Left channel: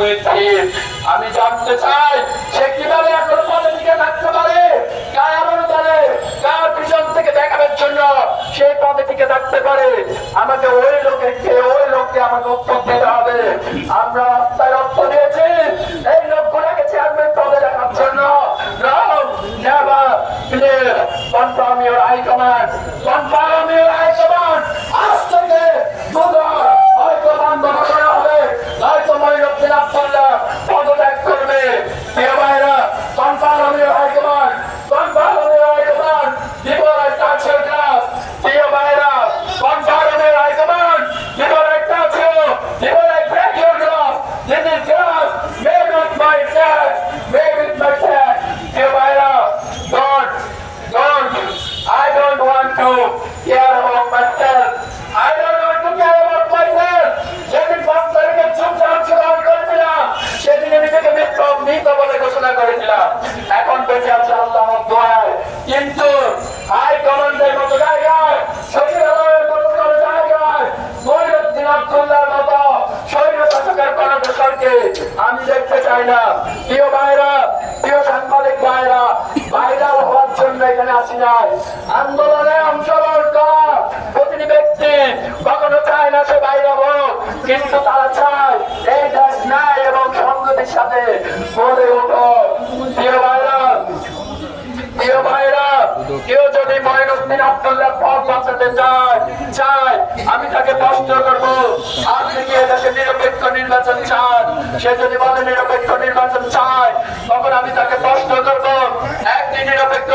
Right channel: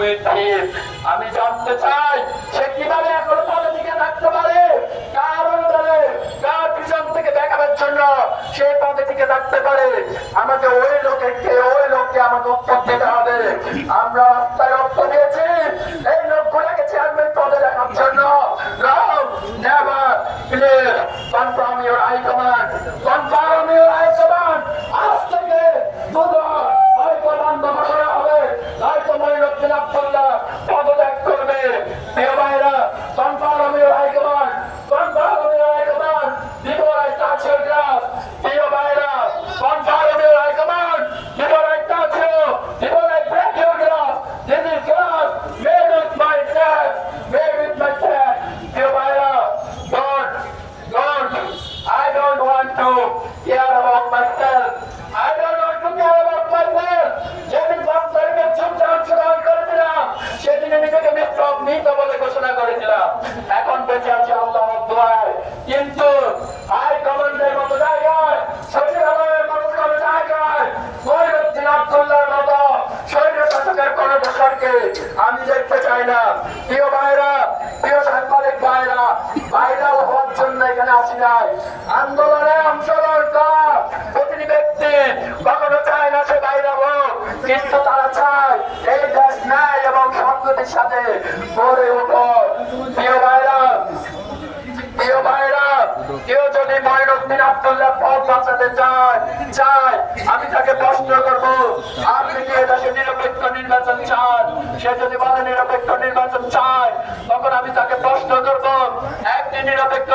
মুহিদ্দিন। আমি জানতে চাই সে কিভাবে এখন পদে টিকে থাকতে পারে, কার অনুদানে, কার পিছন থেকে দেখানোর জন্য সেই পদে টিকে থাকতে পারে। আমাকে ওই লোককে আমাকে উত্তর দিতে হবে। আমরা রাস্তায় রক্ত দিয়েছি এই লোকগুলোকে চেয়ারম্যান পদে দেখার জন্য। No, never, please, confirm your high command, confirm your high command. আজ থেকে দুদক হয়তো বন্ধ করা হবে, হয়তো মঈনুদ্দিন আব্দুল্লাহ পদত্যাগ করবে। প্রিয় ভাইরা, confirm your high command, confirm your high command. Before I touch your glass, প্রিয় ভাইরা, confirm your high command. Before I touch you, before I break your glass, this is glass made with my flag, made with my flag. Dear Myra, don't. I don't want to care about myself. I don't want to care about myself. যেদিন 5 তারিখে যুদ্ধ অংশগ্রহণ করেছিলাম, সেদিন নিজেকে মৃত বলে ঘোষণা করেছিলাম। এখন বেঁচে আছে আল্লাহর দোয়ায়। কিন্তু হাই কমান্ডের মতো জায়গায়, সচিবালয়ের মতো কোনো জায়গায় মঈনুদ্দিন আব্দুল্লাহর মতো স্বৈরশাসকের কর্মসরকে আমি দেখতে চাই না। প্রিয় ভাইরা, প্রিয় সাংবাদিক ভাইরা হওয়ার জন্য এখানে আসি নাই। আন্দোলনে অংশগ্রহণ করা প্রতিটি ব্যক্তি কখনো চায় না সে বাইরে হোক, কিন্তু তারা চায় এই দেশ ন্যায় এবং সংগতির সাথে গড়ে উঠুক। প্রিয় ভাইরা, কেউ যদি মঈনুদ্দিন আব্দুল্লাহ পদ বাঁচাতে চায়, আমি তাকে প্রশ্ন করবো, আপনি কি এদেশে নিরপেক্ষ নির্বাচন চান? সে যদি বলে নিরপেক্ষ নির্বাচন চায়, তখন আমি তাকে প্রশ্ন করবো, একটি নিরপেক্ষ